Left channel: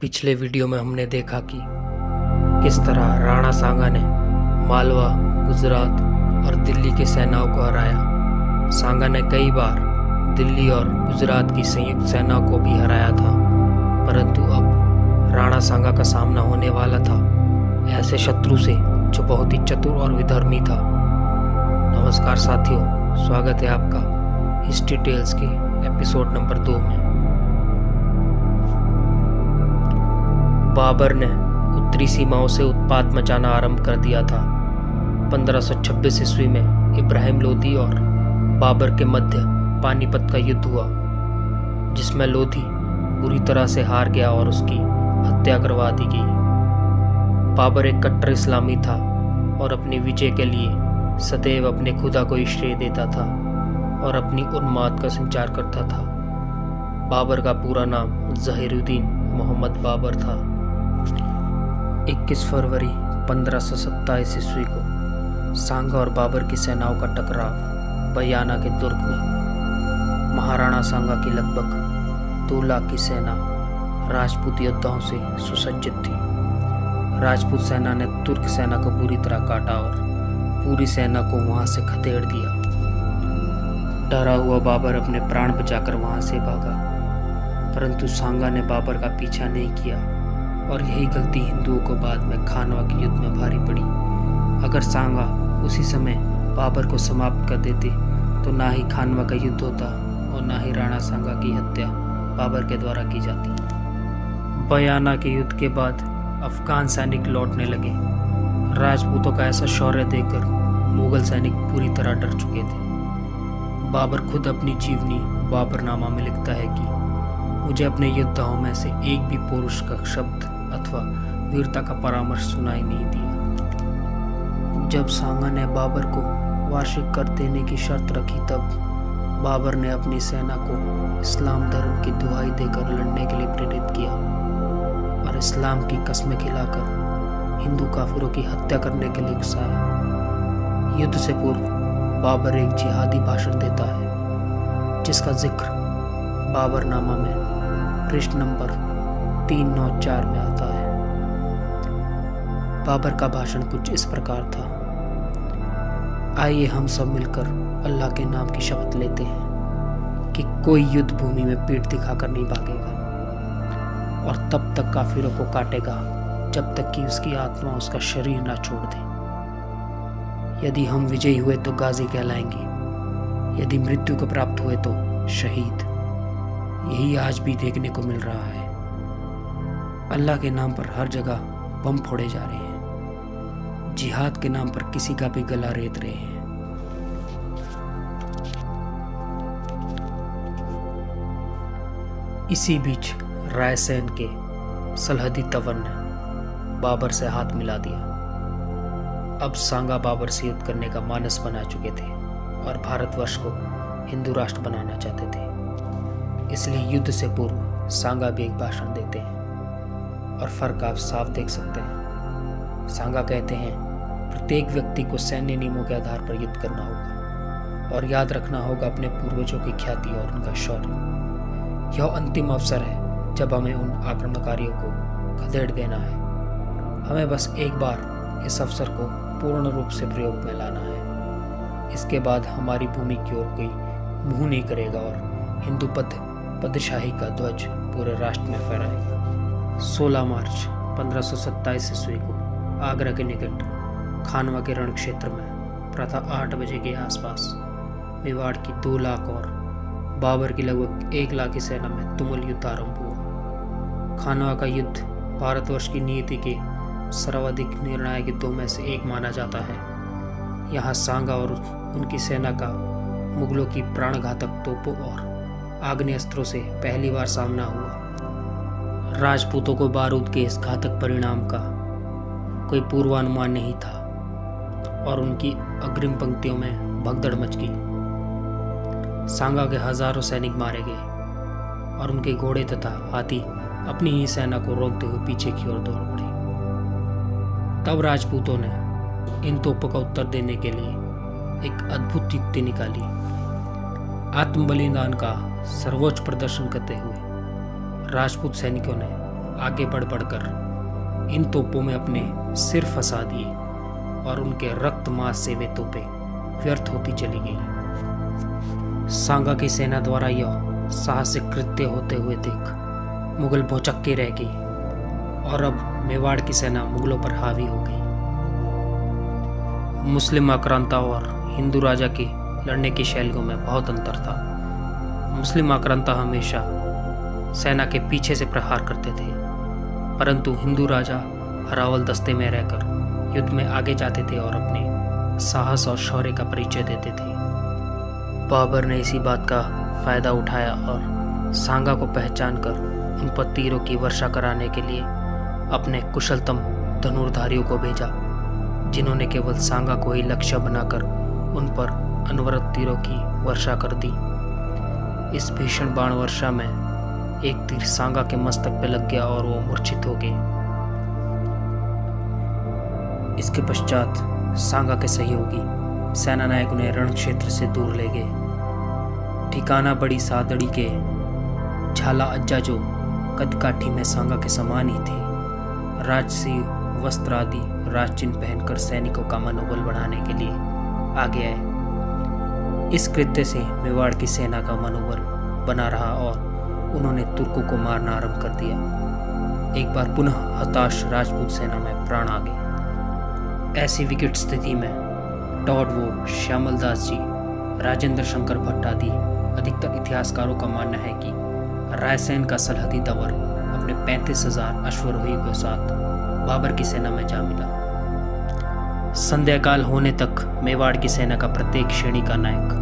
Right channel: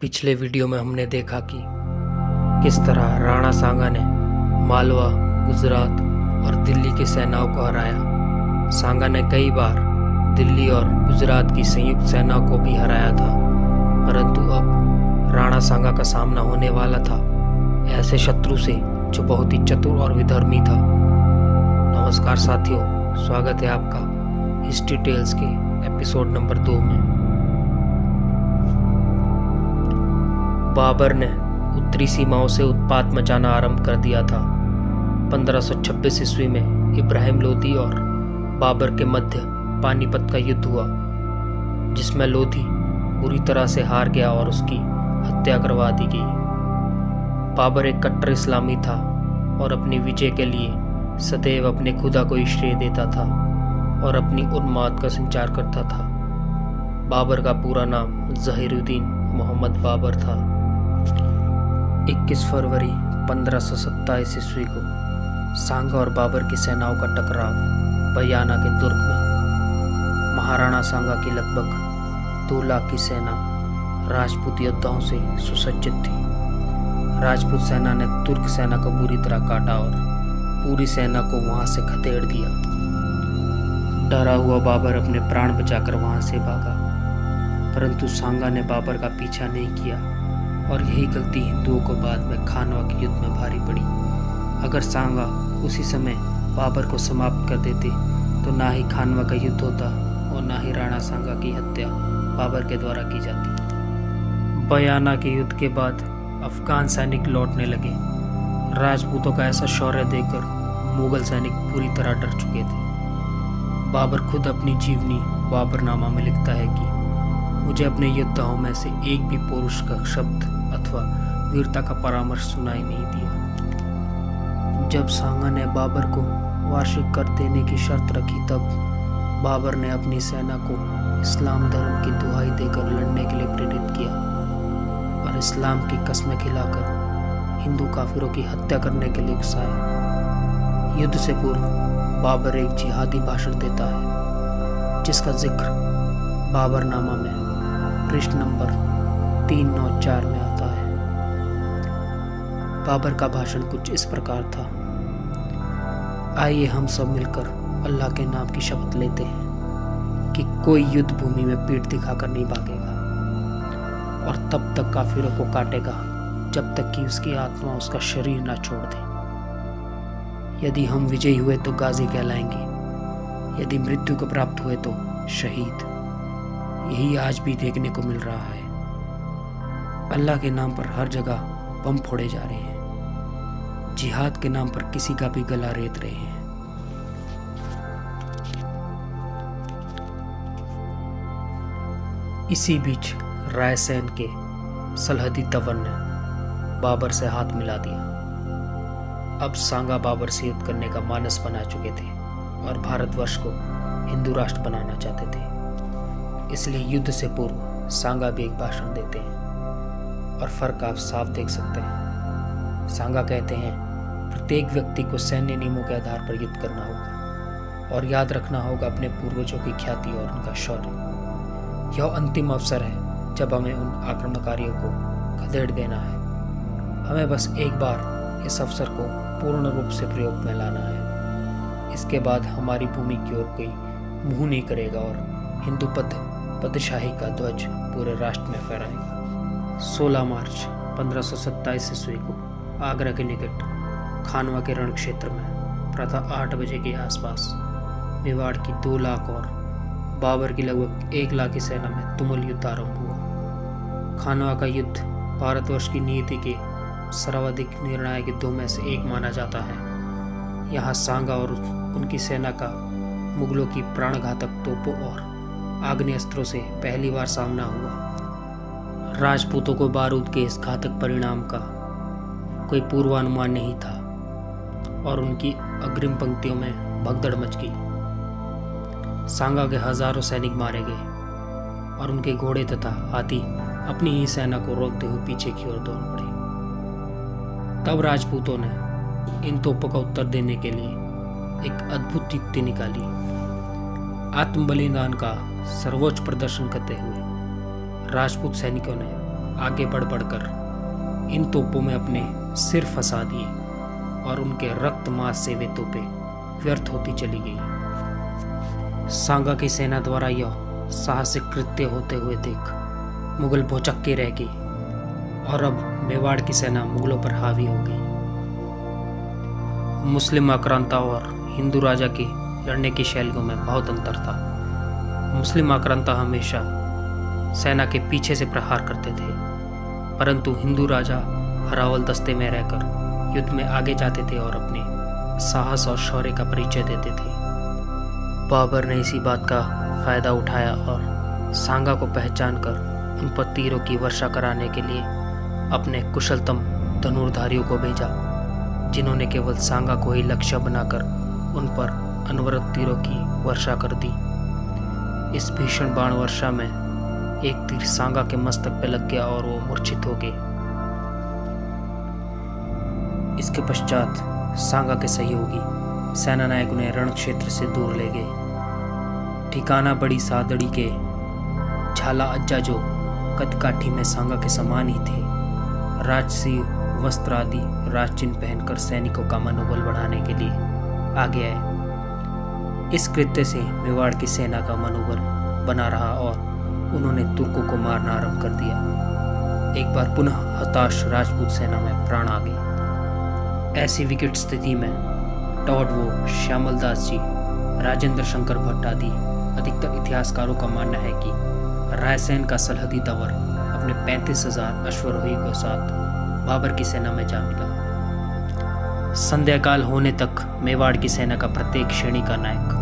पिछले वीडियो में हमने देखा कि किस तरह राणा सांगा ने मालवा, गुजरात और दिल्ली की सेनाओं को हराया। सांगा ने कई बार दिल्ली और गुजरात की संयुक्त सेना को भी हराया था, परंतु अब राणा सांगा का सामना होने वाला था ऐसे शत्रु से जो बहुत ही चतुर और विधर्मी था। नमस्कार साथियों, स्वागत है आपका हिस्ट्री टेल्स के एपिसोड नंबर 2 में। बाबर ने उत्तरी सीमाओं से उत्पात मचाना आरंभ कर दिया था। 1526 ईस्वी में इब्राहिम लोदी और बाबर के मध्य पानीपत का युद्ध हुआ, जिसमें लोधी बुरी तरह से हार गया और उसकी हत्या करवा दी गई। बाबर एक कट्टर इस्लामी था और अपनी विजय के लिए सदैव अपने खुदा को ही श्रेय देता था और अपनी उन्माद का संचार करता था। बाबर का पूरा नाम ज़हीरुद्दीन मोहम्मद बाबर था। 21 फरवरी 1527 ईस्वी को सांगा और बाबर की सेनाओं का टकराव बयाना के दुर्ग में हुआ। महाराणा सांगा की लगभग 2 लाख की सेना राजपूत योद्धाओं से सुसज्जित थी। राजपूत सेना ने तुर्क सेना को बुरी तरह काटा और पूरी सेना को वहां से खदेड़ दिया। डरा हुआ बाबर अपने प्राण बचाकर वहां से भागा, परंतु सांगा ने बाबर का पीछा नहीं किया और यही गलती हिंदुओं को बाद में खानवा के युद्ध में भारी पड़ी। अगर सांगा उसी समय बाबर को समाप्त कर देते तो ना ही खानवा का युद्ध होता और ना ही राणा सांगा की हत्या बाबर के द्वारा की जाती। बयाना के युद्ध के बाद अफगान सैनिक लौटने लगे। राजपूतों का ऐसा शौर्य देखकर मुगल सैनिक पूरी तरह डर चुके थे। बाबर खुद अपनी जीवनी बाबरनामा में लिखता है कि मुझे अपने योद्धाओं में से एक भी पौरुष का शब्द अथवा वीरता का परामर्श सुनाई नहीं दिया। जब सांगा ने बाबर को वार्षिक कर देने की शर्त रखी, तब बाबर ने अपनी सेना को इस्लाम धर्म की दुहाई देकर लड़ने के लिए प्रेरित किया और इस्लाम की कस्में खिलाकर हिंदू काफिरों की हत्या करने के लिए उकसाया। युद्ध से पूर्व बाबर एक जिहादी भाषण देता है, जिसका जिक्र बाबरनामा में पृष्ठ नंबर 394 में आता है। बाबर का भाषण कुछ इस प्रकार था। आइए हम सब मिलकर अल्लाह के नाम की शपथ लेते हैं कि कोई युद्ध भूमि में पीठ दिखाकर नहीं भागेगा और तब तक काफिरों को काटेगा जब तक कि उसकी आत्मा उसका शरीर ना छोड़ दे। यदि हम विजयी हुए तो गाजी कहलाएंगे, यदि मृत्यु को प्राप्त हुए तो शहीद। यही आज भी देखने को मिल रहा है। अल्लाह के नाम पर हर जगह बम फोड़े जा रहे हैं, जिहाद के नाम पर किसी का भी गला रेत रहे हैं। इसी बीच रायसेन के सलहदी तंवर ने बाबर से हाथ मिला दिया। अब सांगा बाबर से युद्ध करने का मानस बना चुके थे और भारतवर्ष को हिंदू राष्ट्र बनाना चाहते थे। इसलिए युद्ध से पूर्व सांगा भी एक भाषण देते हैं और फर्क आप साफ देख सकते हैं। सांगा कहते हैं, प्रत्येक व्यक्ति को सैन्य नियमों के आधार पर युद्ध करना होगा और याद रखना होगा अपने पूर्वजों की ख्याति और उनका शौर्य। यह अंतिम अवसर है जब हमें उन आक्रमणकारियों को खदेड़ देना है। हमें बस एक बार इस अवसर को पूर्ण रूप से प्रयोग में लाना है। इसके बाद हमारी भूमि की ओर कोई मुंह नहीं करेगा और हिंदू पदशाही का ध्वज पूरे राष्ट्र में फहराएगा। 16 मार्च 1527 ईस्वी को आगरा के निकट खानवा के रण क्षेत्र में प्रातः 8 बजे के आसपास मेवाड़ की 2 लाख और बाबर की लगभग 1 लाख की सेना में तुमुल युद्ध आरंभ हुआ। खानवा का युद्ध भारतवर्ष की नीति के सर्वाधिक निर्णायक युद्धों में से एक माना जाता है। यहाँ सांगा और उनकी सेना का मुगलों की प्राणघातक तोपों और आग्नेयास्त्रों से पहली बार सामना हुआ। राजपूतों को बारूद के इस घातक परिणाम का कोई पूर्वानुमान नहीं था और उनकी अग्रिम पंक्तियों में भगदड़ मच गई। सांगा के हजारों सैनिक मारे गए और उनके घोड़े तथा हाथी अपनी ही सेना को रोकते हुए पीछे की ओर दौड़ पड़े। तब राजपूतों ने इन तोपों का उत्तर देने के लिए एक अद्भुत युक्ति निकाली। आत्म बलिदान का सर्वोच्च प्रदर्शन करते हुए राजपूत सैनिकों ने आगे बढ़ बढ़कर इन तोपों में अपने सिर फंसा दिए और उनके रक्त मांस से वे तोपें व्यर्थ होती चली गई। सांगा की सेना द्वारा यह साहसिक कृत्य होते हुए देख मुगल भौचक्के रह गए और अब मेवाड़ की सेना मुगलों पर हावी हो गई। मुस्लिम आक्रांता और हिंदू राजा के लड़ने की शैलियों में बहुत अंतर था। मुस्लिम आक्रांता हमेशा सेना के पीछे से प्रहार करते थे, परंतु हिंदू राजा अरावल दस्ते में रहकर युद्ध में आगे जाते थे और अपने साहस और शौर्य का परिचय देते थे। बाबर ने इसी बात का फायदा उठाया और सांगा को पहचानकर उन पर तीरों की वर्षा कराने के लिए अपने कुशलतम धनुर्धारियों को भेजा, जिन्होंने केवल सांगा को ही लक्ष्य बनाकर उन पर अनवरत तीरों की वर्षा कर दी। इस भीषण बाण वर्षा में एक तीर सांगा के मस्तक पे लग गया और वो मूर्छित हो गए। इसके पश्चात सांगा के सहयोगी सेनानायक उन्हें रण क्षेत्र से दूर ले गए। ठिकाना बड़ी सादड़ी के झाला अज्जा, जो कदकाठी में सांगा के समान ही थे, राजसी वस्त्र आदि राजचिन्ह पहनकर सैनिकों का मनोबल बढ़ाने के लिए आगे आए। इस कृत्य से मेवाड़ की सेना का मनोबल बना रहा और उन्होंने तुर्कों को मारना आरंभ कर दिया। एक बार पुनः हताश राजपूत सेना में प्राण आ गए। ऐसी विकट स्थिति में टॉडवो, श्यामल दास जी, राजेंद्र शंकर भट्ट आदि अधिकतर इतिहासकारों का मानना है कि रायसेन का सलहदी तंवर अपने 35,000 अश्वारोही के साथ बाबर की सेना में जा मिला। संध्याकाल होने तक मेवाड़ की सेना का प्रत्येक श्रेणी का नायक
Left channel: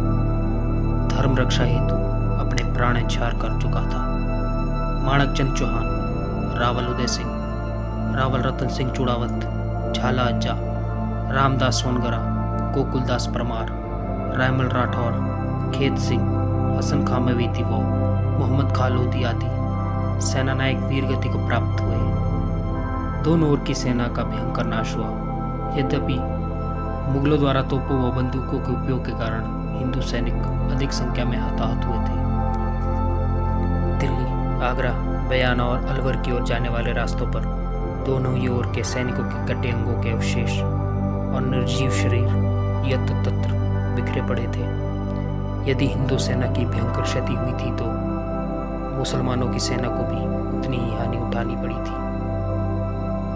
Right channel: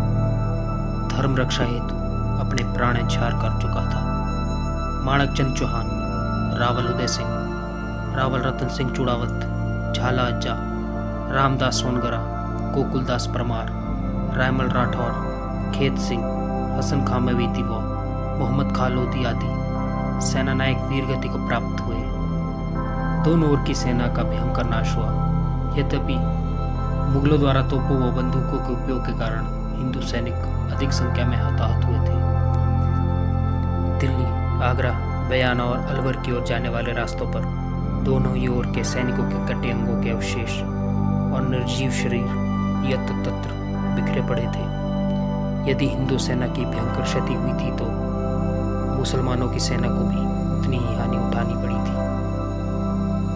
धर्म रक्षा हेतु अपने प्राण न्यौछावर कर चुका था। माणकचंद चौहान, रावल उदय सिंह, रावल रतन सिंह चुड़ावत, झाला अज्जा, रामदास सोनगरा, गोकुलदास परमार, रायमल राठौर, खेत सिंह, हसन खां मवेती व मोहम्मद खालोदी आदि सेनानायक वीरगति को प्राप्त हुए। दोनों ओर की सेना का भयंकर नाश हुआ। यद्यपि मुगलों द्वारा तोपों व बंदूकों के उपयोग के कारण हिंदू सैनिक अधिक संख्या में हताहत हुए थे। दिल्ली, आगरा, बयाना और अलवर की ओर जाने वाले रास्तों पर दोनों ही ओर के सैनिकों के कटे अंगों के अवशेष और निर्जीव शरीर यत्र तत्र बिखरे पड़े थे। यदि हिंदू सेना की भयंकर क्षति हुई थी तो मुसलमानों की सेना को भी उतनी ही हानि उठानी पड़ी थी।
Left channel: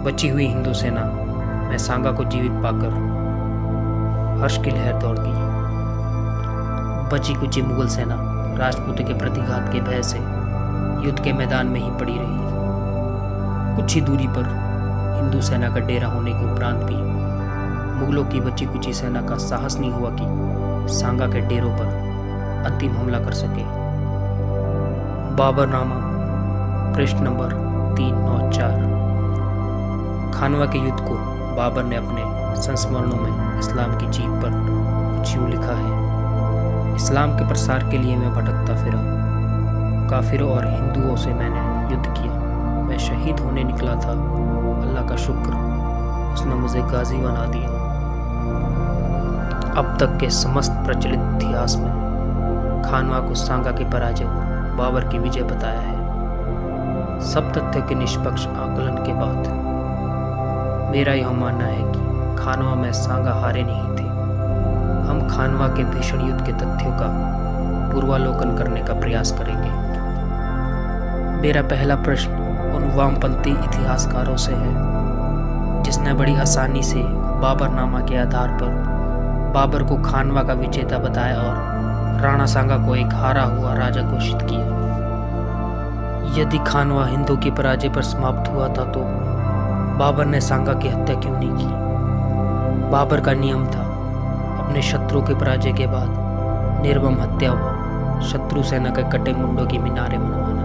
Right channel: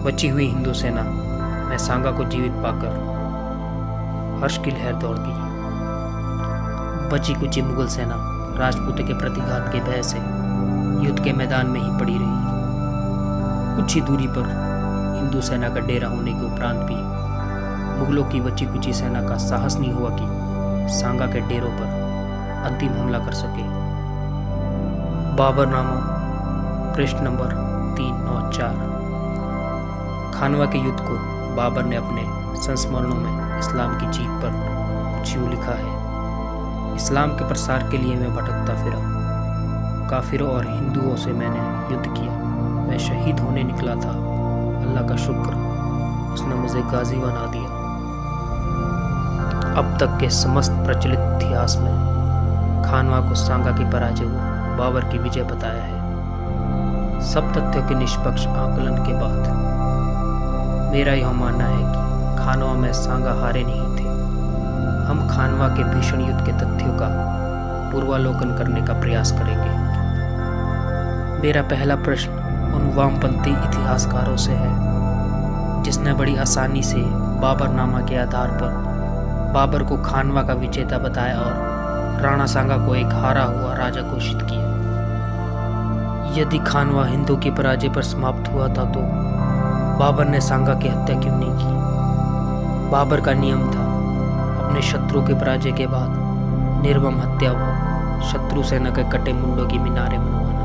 बची हुई हिंदू सेना में सांगा को जीवित पाकर हर्ष की लहर दौड़ गई। बची कुची मुगल सेना राजपूतों के प्रतिघात के भय से युद्ध के मैदान में ही पड़ी रही। कुछ ही दूरी पर हिंदू सेना का डेरा होने के उपरांत भी मुगलों की बची कुची सेना का साहस नहीं हुआ कि सांगा के डेरों पर अंतिम हमला कर सके। बाबरनामा, पृष्ठ नंबर 394। खानवा के युद्ध को बाबर ने अपने संस्मरणों में इस्लाम की जीत पर कुछ यूँ लिखा है: इस्लाम के प्रसार के लिए मैं भटकता फिरा, काफिरों और हिंदुओं से मैंने युद्ध किया। मैं शहीद होने निकला था, अल्लाह का शुक्र, उसने मुझे गाजी बना दिया। अब तक के समस्त प्रचलित इतिहास में खानवा को सांगा की पराजय को बाबर की विजय बताया है। सब तथ्यों के निष्पक्ष आकलन के बाद मेरा यह मानना है कि खानवा में सांगा हारे नहीं थे। हम खानवा के भीषण युद्ध के तथ्यों का पूर्वालोकन करने का प्रयास करेंगे। मेरा पहला प्रश्न उन वामपंथी इतिहासकारों से है जिसने बड़ी आसानी से बाबरनामा के आधार पर बाबर को खानवा का विजेता बताया और राणा सांगा को एक हारा हुआ राजा घोषित किया। यदि खानवा हिंदू की पराजय पर समाप्त हुआ था तो बाबर ने सांगा की हत्या क्यों नहीं की? बाबर का नियम था अपने शत्रु की पराजय के बाद निर्मम हत्या व शत्रु सेना के कटे मुंडों की मीनारें मनवाना।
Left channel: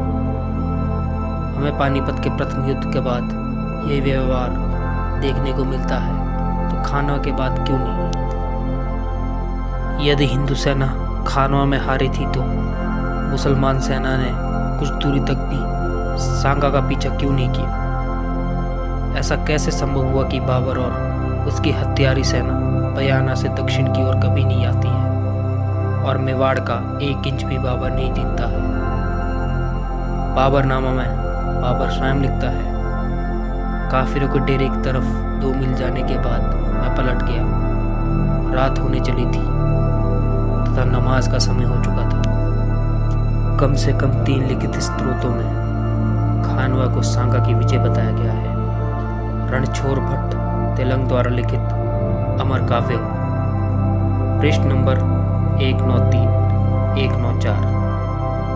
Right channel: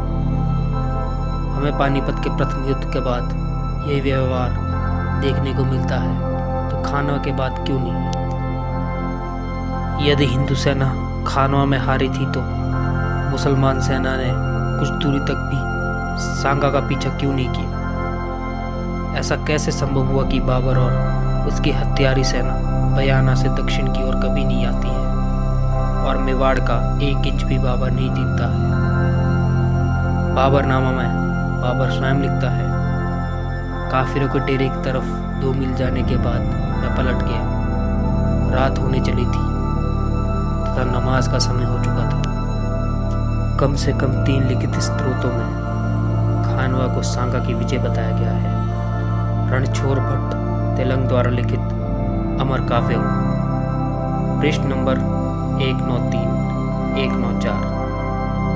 हमें पानीपत के प्रथम युद्ध के बाद यह व्यवहार देखने को मिलता है, तो खानवा के बाद क्यों नहीं? यदि हिंदू सेना खानवा में हारी थी तो मुसलमान सेना ने कुछ दूरी तक भी सांगा का पीछा क्यों नहीं किया? ऐसा कैसे संभव हुआ कि बाबर और उसकी हथियारी सेना बयाना से दक्षिण की ओर कभी नहीं आती है और मेवाड़ का 1 इंच भी बाबर नहीं जीतता है? बाबरनामा में बाबर स्वयं लिखता है, काफिरों के डेरे की तरफ 2 मील जाने के बाद मैं पलट गया। रात होने चली थी तथा नमाज का समय हो चुका था। कम से कम 3 लिखित स्रोतों में खानवा को सांगा की विजय बताया गया है। रणछोड़ भट्ट तेलंग द्वारा लिखित अमर काव्यम पृष्ठ नंबर 193, 194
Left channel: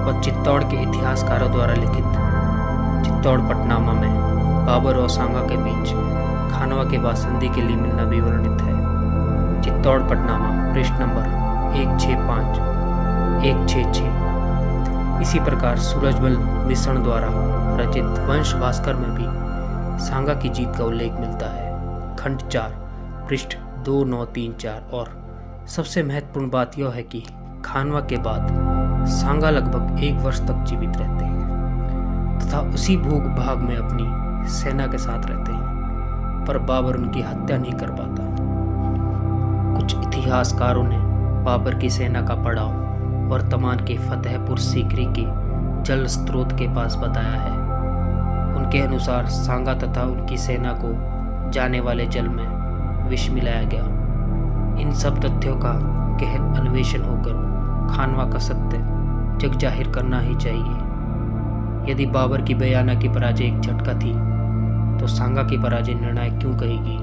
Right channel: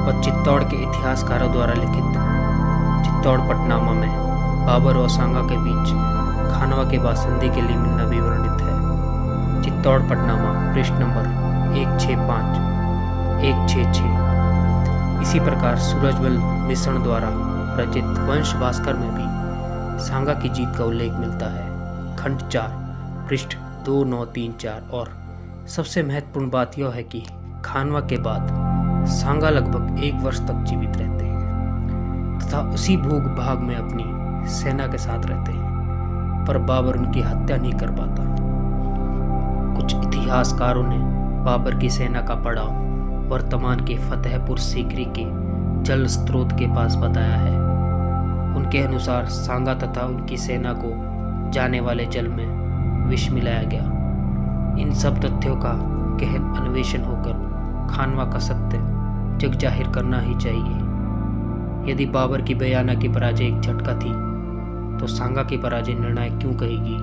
और चित्तौड़ के इतिहासकारों द्वारा लिखित चित्तौड़ पटनामा में बाबर और सांगा के बीच खानवा के बाद संधि के लिए मिलना भी वर्णित है। चित्तौड़ पटनामा पृष्ठ नंबर 165, 166। इसी प्रकार सूरजमल मिश्रण द्वारा रचित वंश भास्कर में भी सांगा की जीत का उल्लेख मिलता है। खंड 4 पृष्ठ 2934। और सबसे महत्वपूर्ण बात यह है कि खानवा के बाद सांगा लगभग 1 वर्ष तक जीवित रहते हैं तथा उसी भूग भाग में अपनी सेना के साथ रहते हैं, पर बाबर उनकी हत्या नहीं कर पाता। कुछ इतिहासकारों ने बाबर की सेना का पड़ाव वर्तमान के फतेहपुर सीकरी के जल स्रोत के पास बताया है। उनके अनुसार सांगा तथा उनकी सेना को जाने वाले जल में विष मिलाया गया। इन सब तथ्यों का गहन अन्वेषण होकर खानवा का सत्य जग जाहिर करना ही चाहिए। यदि बाबर की बयाना की पराजय एक झटका थी तो सांगा की पराजय निर्णायक क्यों कहेगी।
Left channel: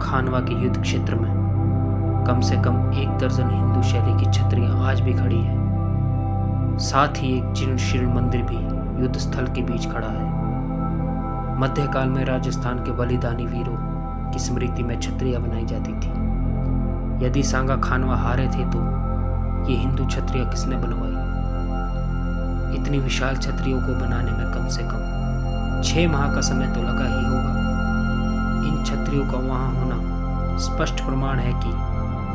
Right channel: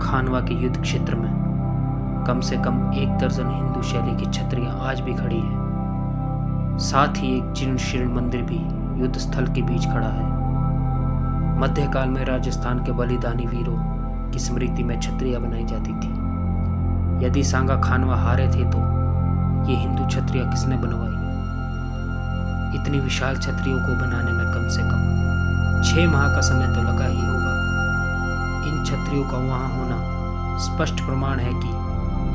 खानवा के युद्ध क्षेत्र में कम से कम 1 दर्जन हिंदू शैली की छतरियां आज भी खड़ी है। साथ ही एक जीर्ण शीर्ण मंदिर भी युद्ध स्थल के बीच खड़ा है। मध्यकाल में राजस्थान के बलिदानी वीरों की स्मृति में छतरियां बनाई जाती थी। यदि सांगा खानवा हारे थे तो ये हिंदू छतरियां किसने बनवाई। इतनी विशाल छतरियों को बनाने में कम से कम 6 माह का समय तो लगा ही होगा। इन छतरियों का वहां होना स्पष्ट प्रमाण है कि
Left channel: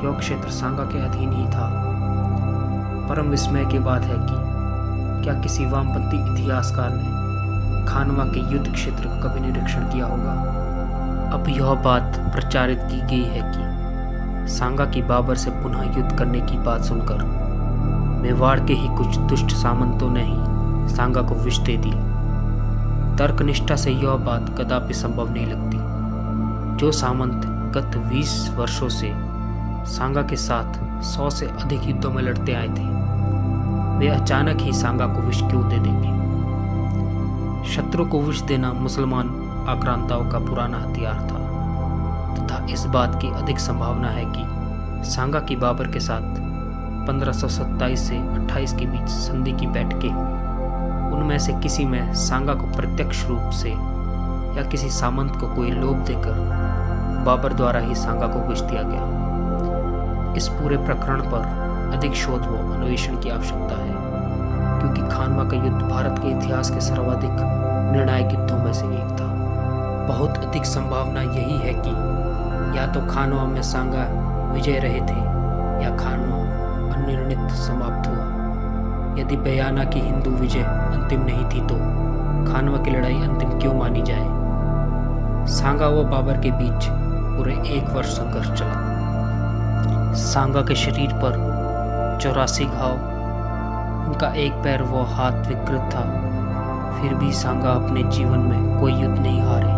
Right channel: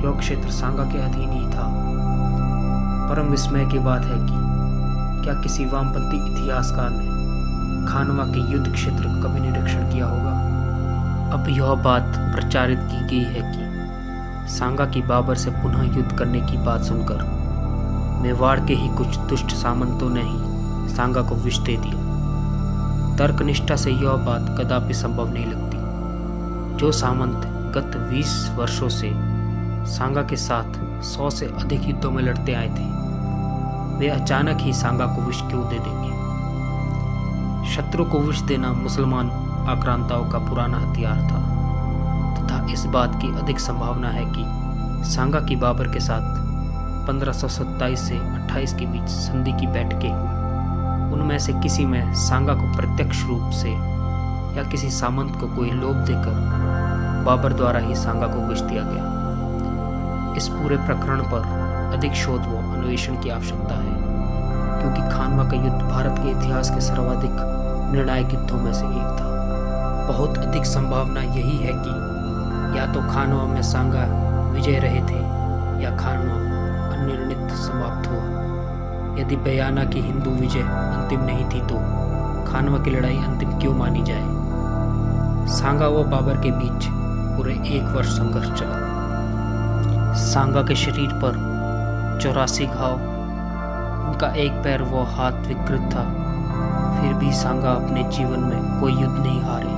यह क्षेत्र सांगा के अधीन ही था। परम विस्मय की बात है कि क्या किसी वामपंथी इतिहासकार ने खानवा के युद्ध क्षेत्र का कभी निरीक्षण किया होगा। अब यह बात प्रचारित की गई है कि सांगा की बाबर से पुनः युद्ध करने की बात सुनकर मेवाड़ के ही कुछ दुष्ट सामंतों ने ही सांगा को विष दे दिया। तर्कनिष्ठा से यह बात कदापि संभव नहीं लगती। जो सामंत गत 20 वर्षों से सांगा के साथ 100 से अधिक युद्धों में लड़ते आए थे, वे अचानक ही सांगा को विष क्यों दे देंगे। शत्रु को विष देना मुसलमान आक्रांताओं का पुराना हथियार था तथा इस बात की अधिक संभावना है कि सांगा की बाबर के साथ 1527 से 28 के बीच संधि की बैठकें हुई। उनमें से किसी में सांगा को प्रत्यक्ष रूप से या किसी सामंत को कोई लोभ देकर बाबर द्वारा ही सांगा को विष दिया गया। इस पूरे प्रकरण पर अधिक शोध व अन्वेषण की आवश्यकता है, क्योंकि खानवा का युद्ध भारत के इतिहास के सर्वाधिक निर्णायक युद्धों में से एक था। बहुत अधिक संभावना यही है कि या तो खानवा में सांगा विजय रहे थे या खानवा अनिर्णित समाप्त हुआ। यदि बयाना की हिंदू विजय अंतिम नहीं थी तो खानवा की लड़ाई अंतिम क्यों मानी जाए। सांगा व बाबर के बीच पूरे 1 वर्ष संघर्ष चला। सांगा के शरीर पर 84 घाव, उनका एक पैर व हाथ विकृत था, फिर भी सांगा अपने जीवन में कोई युद्ध नहीं हारे।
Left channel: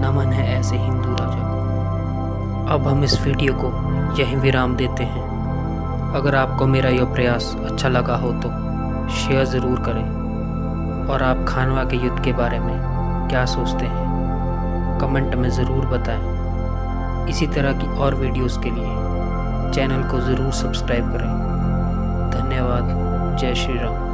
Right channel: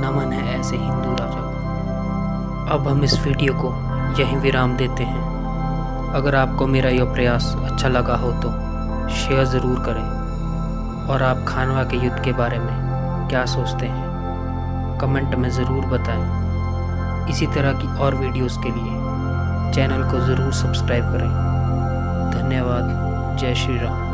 नमन है ऐसे हिंदू राजा को। अब हम इस वीडियो को यहीं विराम देते हैं। अगर आपको मेरा यह प्रयास अच्छा लगा हो तो शेयर ज़रूर करें और आप खानवा के युद्ध के बारे में क्या सोचते हैं कमेंट में ज़रूर बताएं। इसी तरह की और वीडियोस के लिए चैनल को ज़रूर सब्सक्राइब करें। धन्यवाद। जय श्री राम।